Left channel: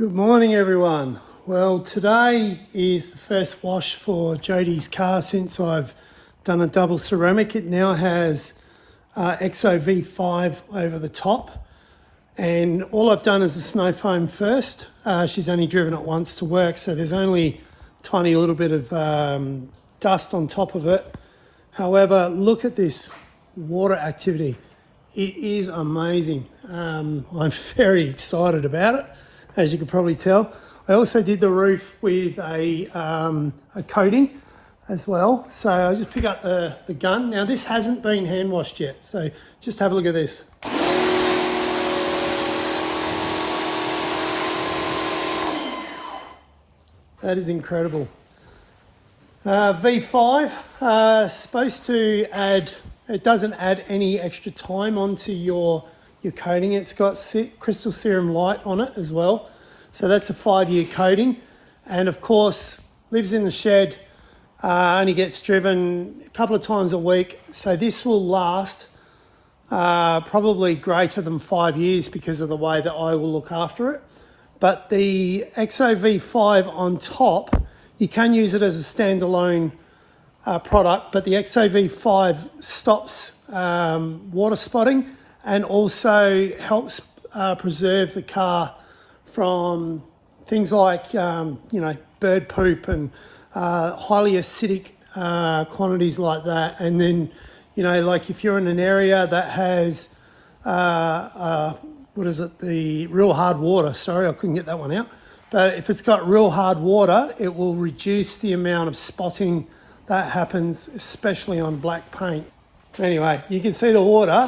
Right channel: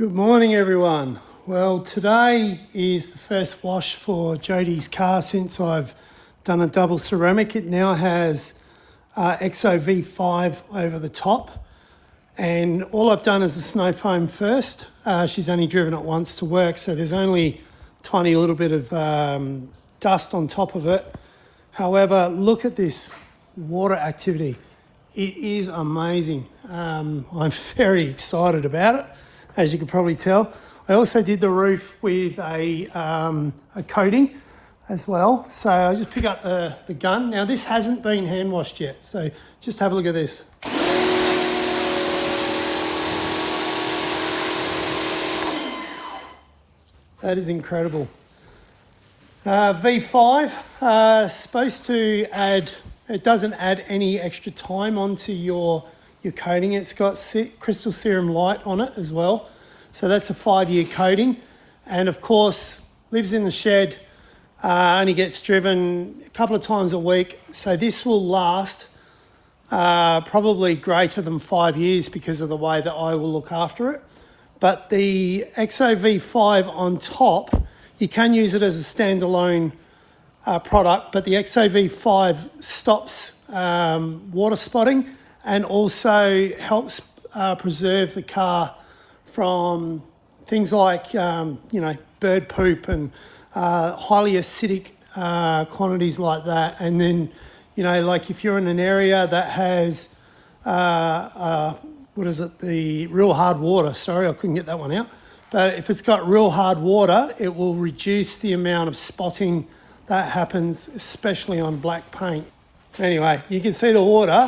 Good morning everyone. Well, today is the first wash for Jodie's car since I've done a double ceramic. It now has EVO V5 over the top, and all I've done is a snow foam first. She's only driven it once to work, so there's only a tiny little bit of dust on top of it. However, look at this water activity. It is amazing. I'm very excited about it, as you can probably tell. I also did the roof with a coating as well. So I'll just pick up the gun. Now this hasn't been hand washed yet, so just have a look at this. That is incredible. V5, supposed to add, it doesn't add any extra time onto your coating. It's got Crystal Serum Lite on it as well. So that's a 5-year coating. And of course, lives in the shed, only gets driven a couple of times a week. So this will last probably greater than 5 years because of the way that I will look after it. But the EVO V5 on top, you can use it as a standalone product, but the EVO V5 stops water spotting and also helps preserve the car from things like bird poop and highly acidic quantities like that. And then like if you're in an area that has the real hard water, sorry I couldn't get that one out, but if it's got real hard water, it will reduce the amount of spotting that happens, especially on black paint. Anyway, you can see the water.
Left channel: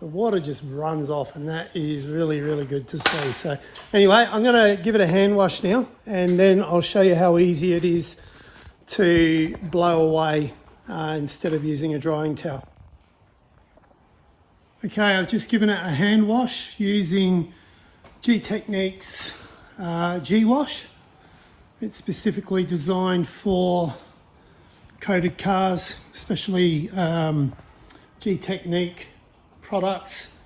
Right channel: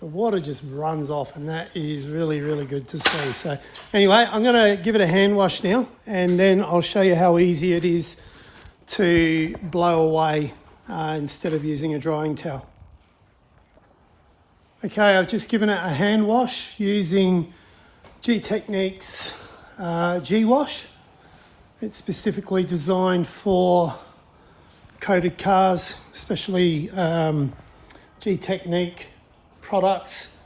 The water just runs off, and that is really, really good to see. So anyway, I'm going to give it a hand wash now, and then I'll show you how easy it is to blow away instead of using a drying towel. Okay, I've just given it a hand wash using Gtechniq's G-Wash. It's specifically designed for coated cars, especially Gtechniq products.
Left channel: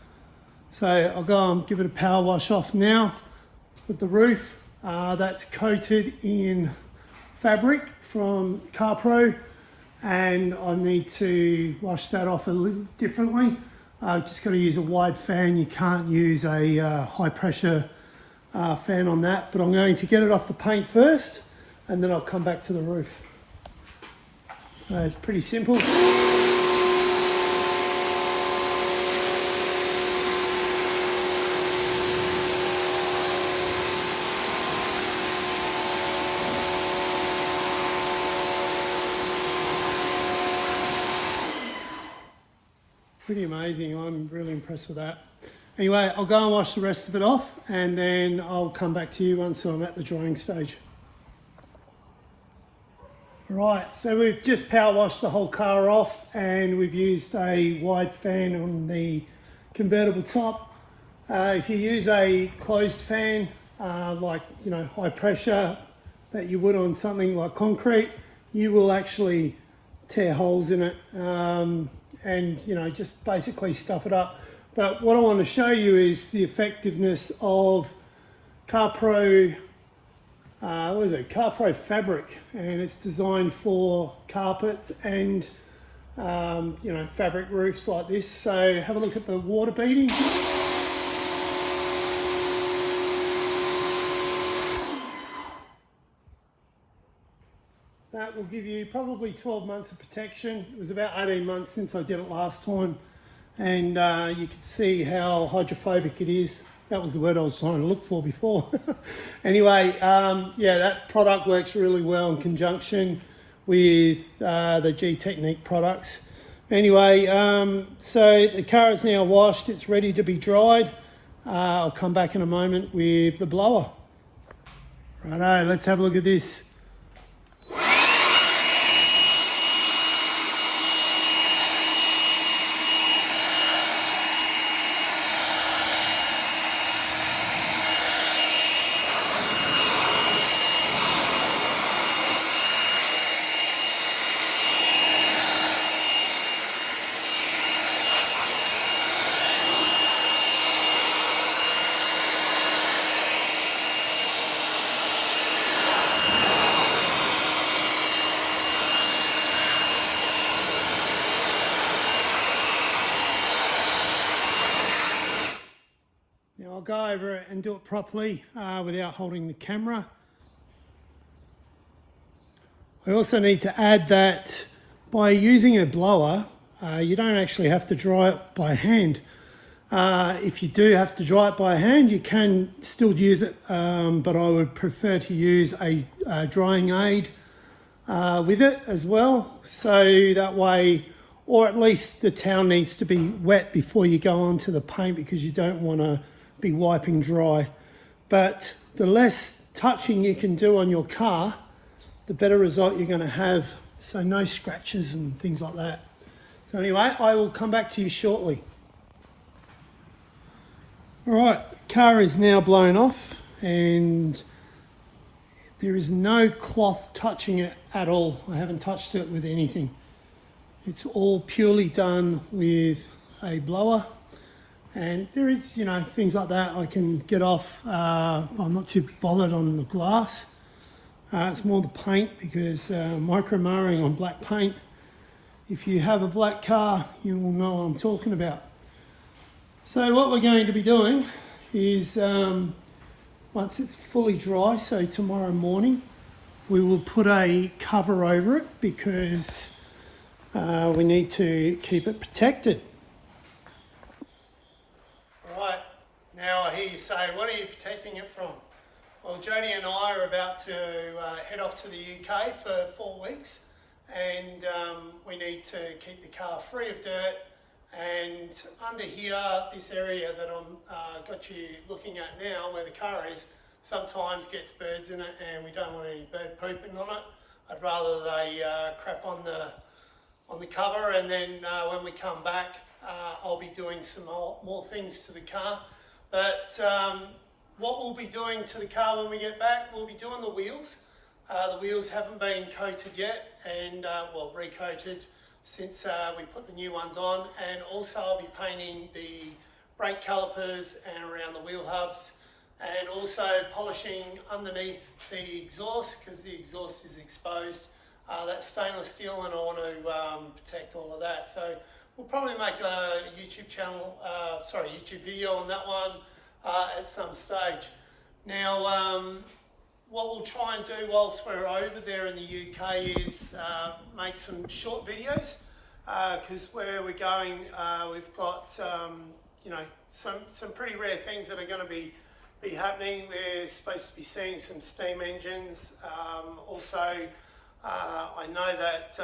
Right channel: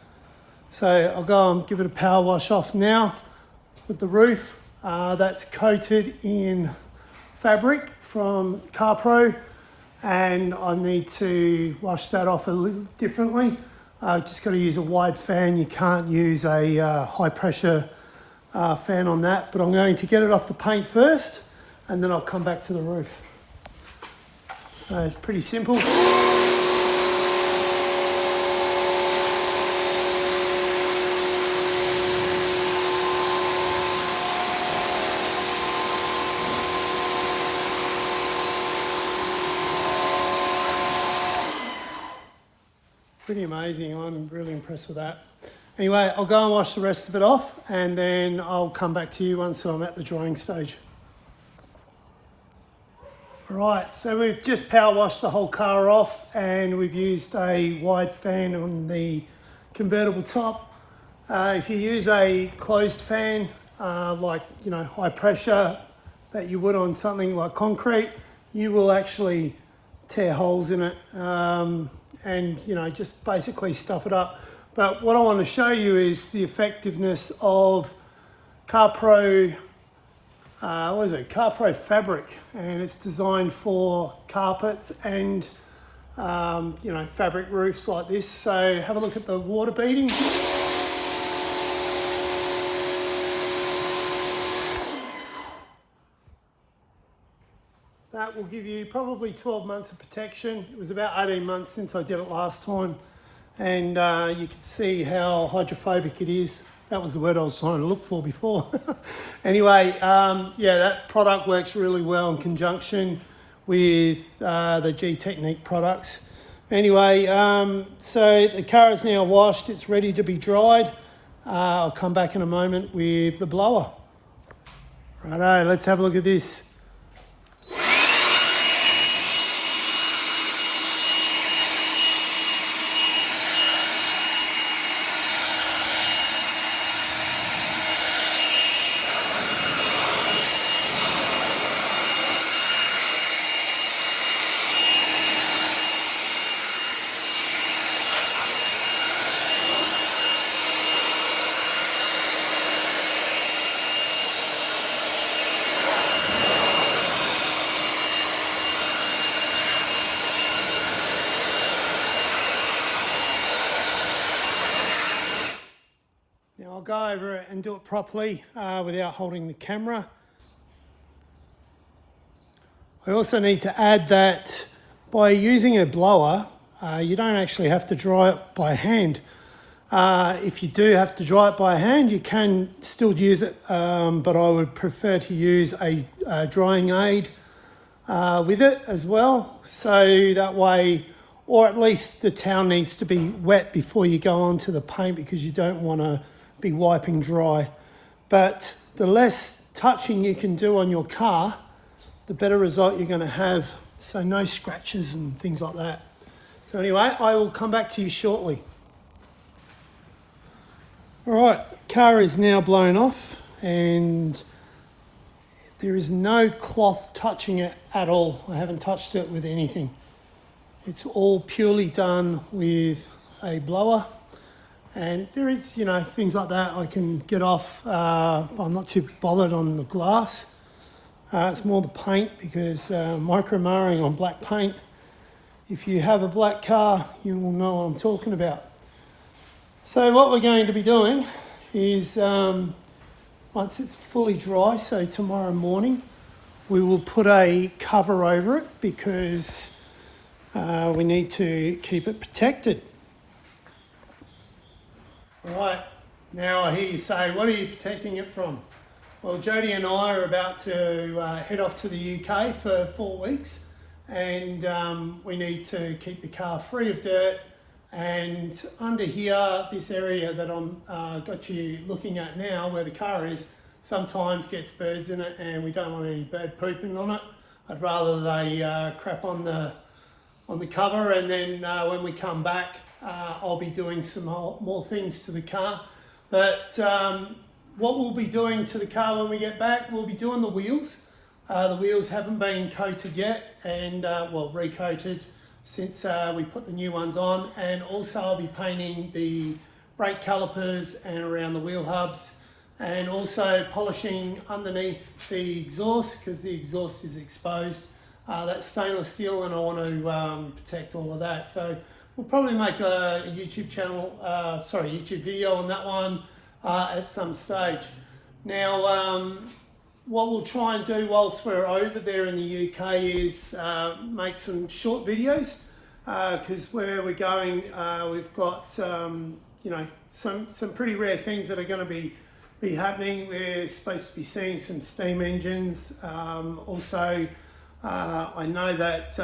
So I'll go and give it a power wash off now with the roof. That's coated in fabric from CarPro, and I need to wash that off a little differently. Just got to use a wide fan. You can't use a high pressure fan on that, but I'm going to get it off the paint first and then I'll come back to the roof. So it's pretty simple. Pretty amazing. I'm really impressed with that. Anyway, I'll go and wash the rest of it off, and then I'll come back to you once I'm at the drying stage. Right, so we've just power washed the whole car off, and we've used a wide fan on the convertible top. If you use a closed fan, like high pressure that you would on something like concrete, you will actually tear holes in it. And just basically stuff it up. But what I want to show you is the effectiveness of CarPro, CarPro fabric, and it's designed for carpets and fabric roofs like this. So have a look at the water beading. That will give you probably 12 months of protection. It was about 18 months since I did it last time, and you can see how hydrophobic it is. That was the word I was trying to look for before. Anyway, yeah, that product works really well in conjunction with the Gtechniq products. Anyway, so the car is now washed. It's ready to be dried. I'll come back in a moment with the blower. Righto, let's have a look at this. I'll go over it and do it properly without holding the camera. I also need to add that by using a blower, you don't actually have to dry it by hand. If you do have to dry it by hand, you can still use it, but I would prefer to use a drying aid with it as well. So that way, or at least the towel needs to be wet before you go onto the paint, because you don't want to be wiping dry. But the less touching you can do on your car, the better result you're going to have. So no scratches and things like that. So anyway, I will come back to you shortly. All right, car is now blown off and there is no cloth touching it at all. I haven't touched it with anything. It's all purely done with a blower, and there is, you know, things like that I can get off. I'm not too bothered on the glass. It's more the paint, because micro marring on black paint, if you have a black car, you will know what I'm talking about. So what we're going to be doing is, once it's fully dry, so tomorrow morning, we will put a cover over it, because we need to keep it protected. Right, now I hear you say, what are you protecting it from? Well, Jodie and I are about to head off to the UK for 4 weeks, and we need to keep the car free of dirt. And under here, this area that I'm got you looking at now, where the car is, sometimes gets birds in it, and we don't want any bird pooping on it. I'd rather they crap on the cover, and then when we come back, I'll be doing some more things to the car. But what we'll be doing to the car when we get back, we'll be doing the wheels. The wheels haven't been coated yet, and well, recoated since we put the new ones on. And also I'll be painting the brake calipers and around the wheel hubs, and also polishing underneath the exhaust, because the exhaust is exposed. That's stainless steel, and I want to protect all of that. So we'll probably make a YouTube channel, YouTube video on that one at some stage. Now, what we'll try and do whilst we're over there in the UK is make some short videos, because where we're going, we've got you know, some pretty rare things that are going to be happening. We're supposed to be seeing some steam engines. Also, I know that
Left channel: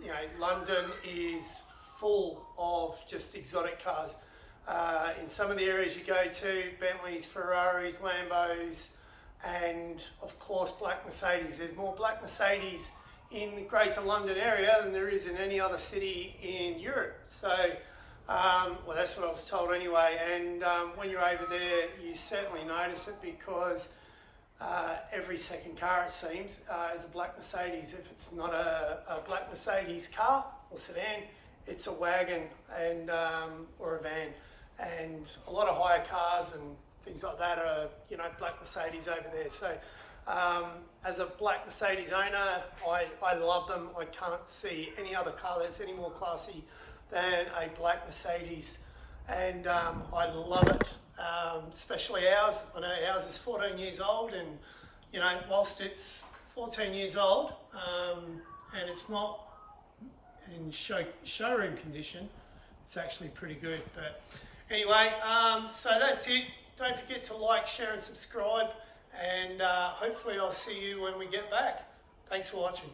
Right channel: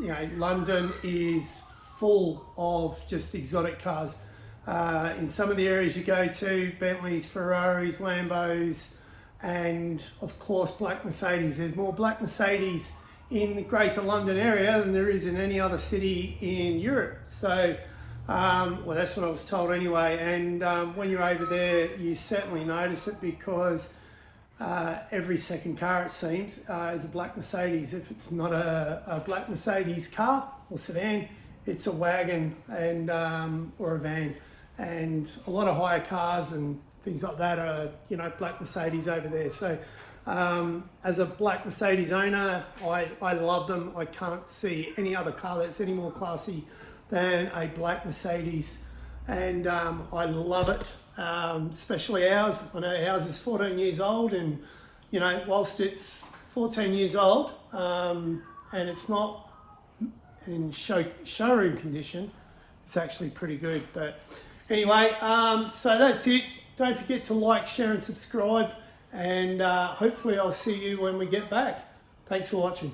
you know, London is full of just exotic cars. In some of the areas you go to, Bentleys, Ferraris, Lambos, and of course black Mercedes. There's more black Mercedes in the Greater London area than there is in any other city in Europe. So, well, that's what I was told anyway. And when you're over there, you certainly notice it, because every second car, it seems, is a black Mercedes. If it's not a black Mercedes car or sedan, it's a wagon and or a van. And a lot of hire cars and things like that are, you know, black Mercedes over there. So as a black Mercedes owner, I love them. I can't see any other car that's any more classy than a black Mercedes, and I love it, especially ours. I know ours is 14 years old, and you know, whilst it's 14 years old and it's not in showroom condition, it's actually pretty good. But anyway, so that's it. Don't forget to like, share and subscribe, and hopefully I'll see you when we get back. Thanks for watching.